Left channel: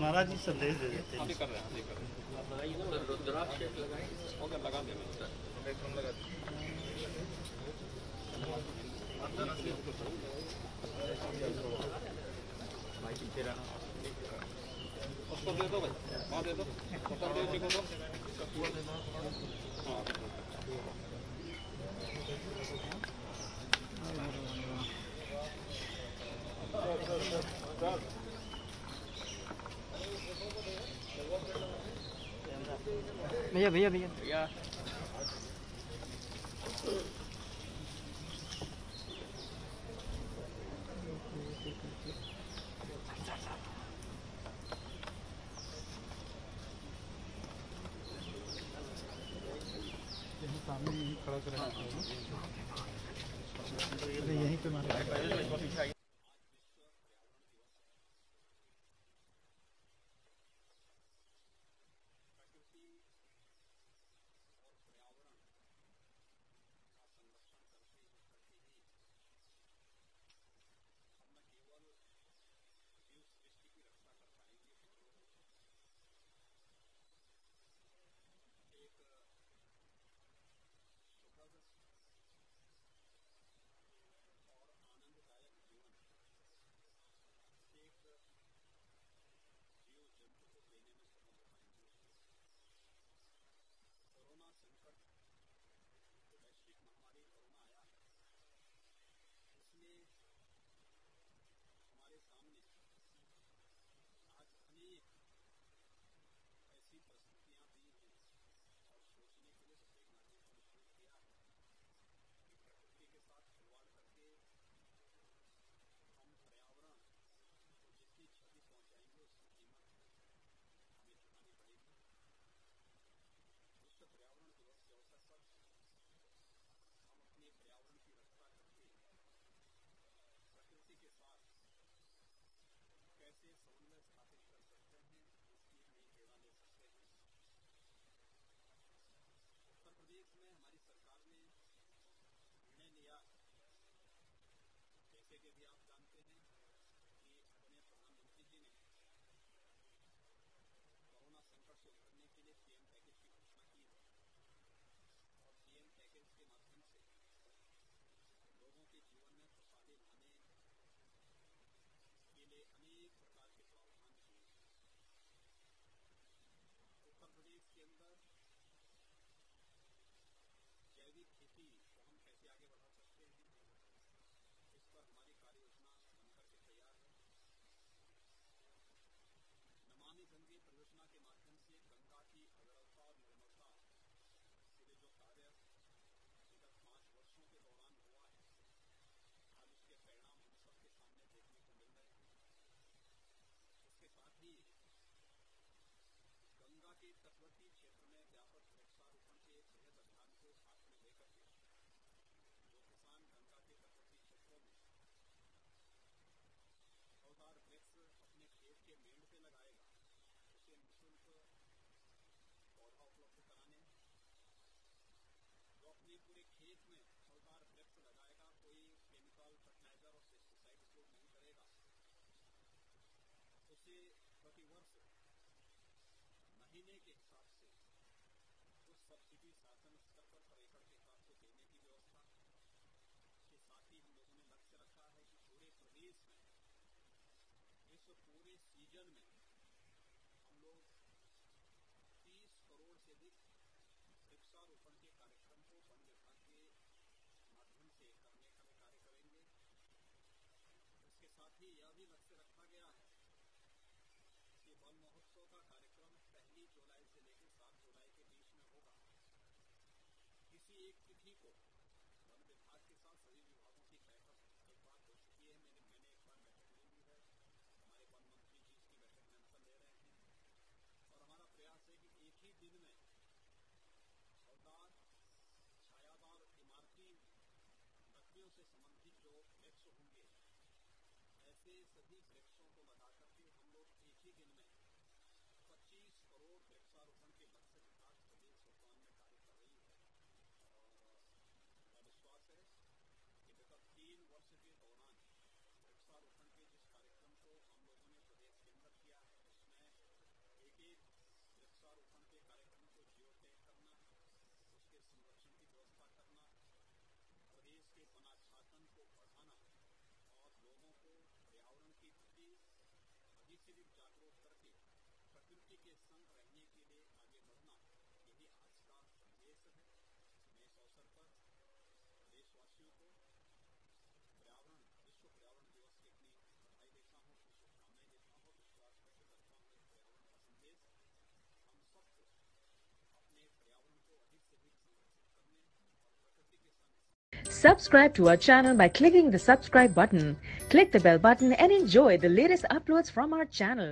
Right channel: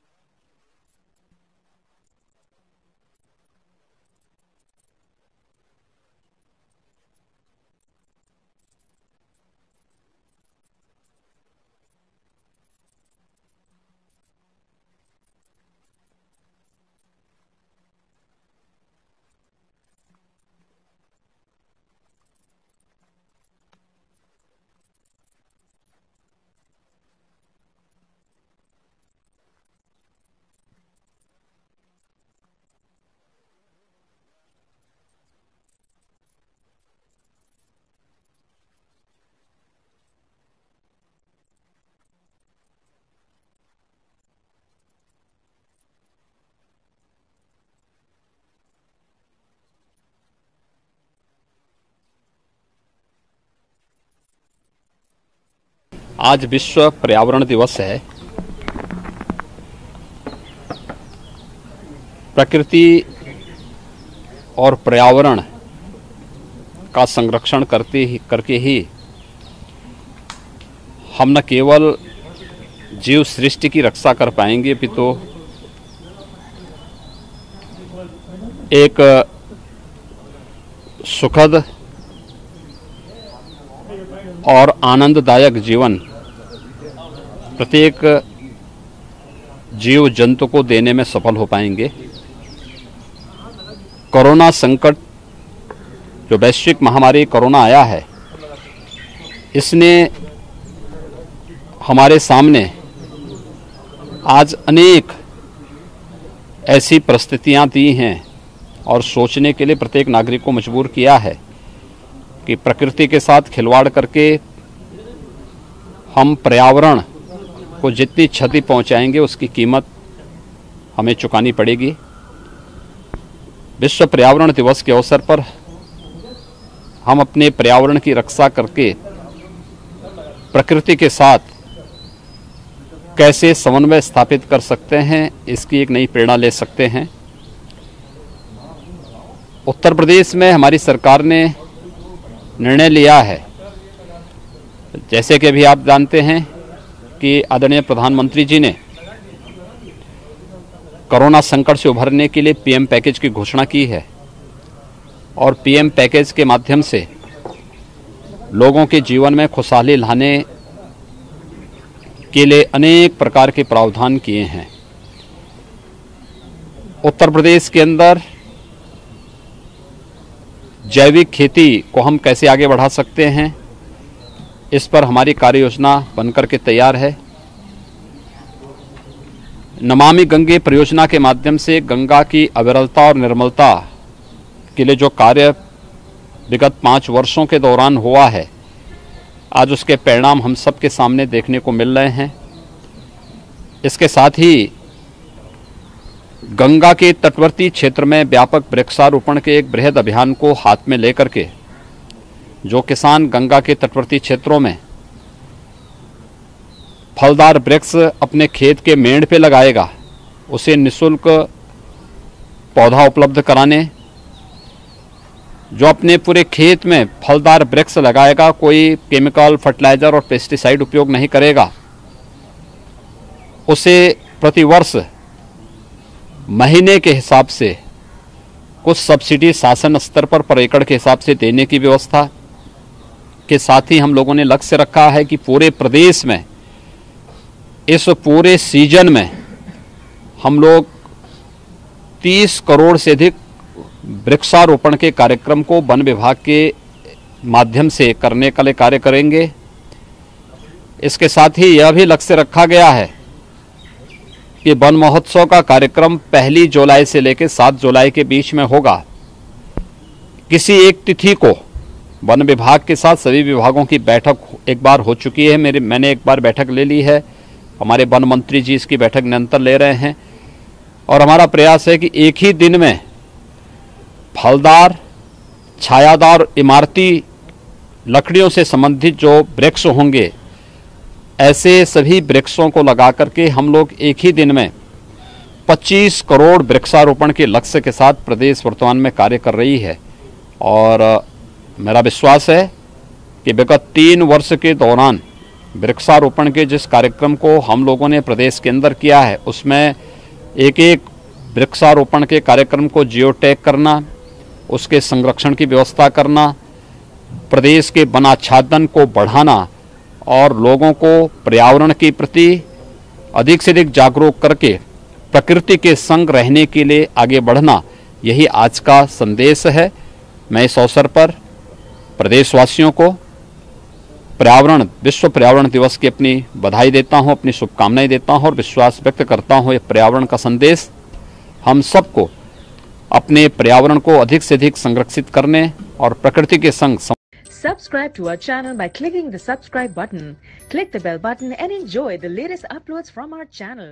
महाराज जी संदेश दे देते हैं। उसको दे दो भाई, वहाँ दे दो, जी को दो। भैया भैया भैया आज विश्व पर्यावरण दिवस है। प्रकृति और पर्यावरण का संरक्षण करके ही हम न केवल जीव सृष्टि की रक्षा कर पाएंगे अपितु एक सुखद और आनंददायक जीवन प्रत्येक जीव जंतु को देने में सफल हो पाएंगे। कोरोना संकट जो वैश्विक महामारी कोरोना आया है, इसने हमारे सामने आज अनेक ऐसी परिस्थितियां दी हैं और सोचने के लिए प्रत्येक नागरिक को मजबूर किया है कि प्रकृति के साथ खिलवाड़ करके हम पर्यावरण को जितनी क्षति पहुंचाएंगे उसकी कीमत हमें चुकानी पड़ेगी। विश्व पर्यावरण दिवस के अवसर पर हम अपने पर्यावरण की रक्षा करके प्रकृति के साथ कैसे समन्वय स्थापित कर सकते हैं, इसकी एक नई प्रेरणा ले सकते हैं। उत्तर प्रदेश में हमारी सरकार ने निर्णय लिया है, जैसे कि अभी आप जानते हैं कि आदरणीय प्रधानमंत्री जी ने कोरोना संकट से उभरने के लिए पीएम पैकेज की घोषणा की है और पीएम पैकेज के माध्यम से लोगों के जीवन में खुशहाली लाने के लिए अनेक प्रकार के प्रावधान किए हैं। उत्तर प्रदेश के अंदर जैविक खेती को हम कैसे आगे बढ़ा सकते हैं, इस पर हमारी कार्य योजना बनकर के तैयार है। नमामि गंगे परियोजना के माध्यम से गंगा की अविरलता और निर्मलता के लिए जो कार्य विगत 5 वर्षों के दौरान हुआ है, आज उसके परिणाम हम सबके सामने देखने को मिल रहे हैं। इसके साथ ही गंगा के तटवर्ती क्षेत्र में व्यापक वृक्षारोपण के एक बृहद अभियान को हाथ में लेकर के जो किसान गंगा के तटवर्ती क्षेत्रों में फलदार वृक्ष अपने खेत के मेड़ पे लगाएगा, उसे निःशुल्क पौधा उपलब्ध कराने, जो अपने पूरे खेत में फलदार वृक्ष लगाएगा, कोई केमिकल फर्टिलाइजर और पेस्टिसाइड उपयोग नहीं करेगा, उसे प्रतिवर्ष महीने के हिसाब से कुछ सब्सिडी शासन स्तर पर एकड़ के हिसाब से देने की व्यवस्था के साथ ही हम लोगों ने लक्ष्य रखा है कि पूरे प्रदेश में इस पूरे सीजन में हम लोग 30 करोड़ से अधिक वृक्षारोपण के कार्यक्रम को वन विभाग के माध्यम से करने के लिए कार्य करेंगे। इसके साथ ही यह भी लक्ष्य रखा गया है कि वन महोत्सव का कार्यक्रम 1 जुलाई से लेकर 7 जुलाई के बीच में होगा। किसी एक तिथि को वन विभाग के साथ सभी विभागों की बैठक एक बार हो चुकी है, मैंने एक बार बैठक ले ली है, हमारे वन मंत्री जी इसकी बैठक निरंतर ले रहे हैं और हमारा प्रयास है कि एक ही दिन में फलदार, छायादार, इमारती लकड़ियों से संबंधित जो वृक्ष होंगे, ऐसे सभी वृक्षों को लगा करके हम लोग एक ही दिन में 25 करोड़ वृक्षारोपण के लक्ष्य के साथ प्रदेश वर्तमान में कार्य कर रही है। और मेरा विश्वास है कि विगत 3 वर्ष के दौरान वृक्षारोपण के जिस कार्यक्रम को हम लोगों ने प्रदेश के अंदर किया है, उसमें एक एक वृक्षारोपण के कार्यक्रम को जियो टैग करना, उसके संरक्षण की व्यवस्था करना, प्रदेश के वन आच्छादन को बढ़ाना और लोगों को पर्यावरण के प्रति अधिक से अधिक जागरूक करके प्रकृति के संग रहने के लिए आगे बढ़ना, यही आज का संदेश है। मैं इस अवसर पर प्रदेशवासियों को विश्व पर्यावरण दिवस की अपनी बधाई देता हूं, अपनी शुभकामनाएं देता हूं और विश्वास व्यक्त करता हूं ये पर्यावरण का संदेश हम सबको अपने पर्यावरण को अधिक से अधिक संरक्षित करने और प्रकृति के संग Subscribe to our channel by clicking the subscribe button. Click the bell button and enjoy the latest uploads from our channel.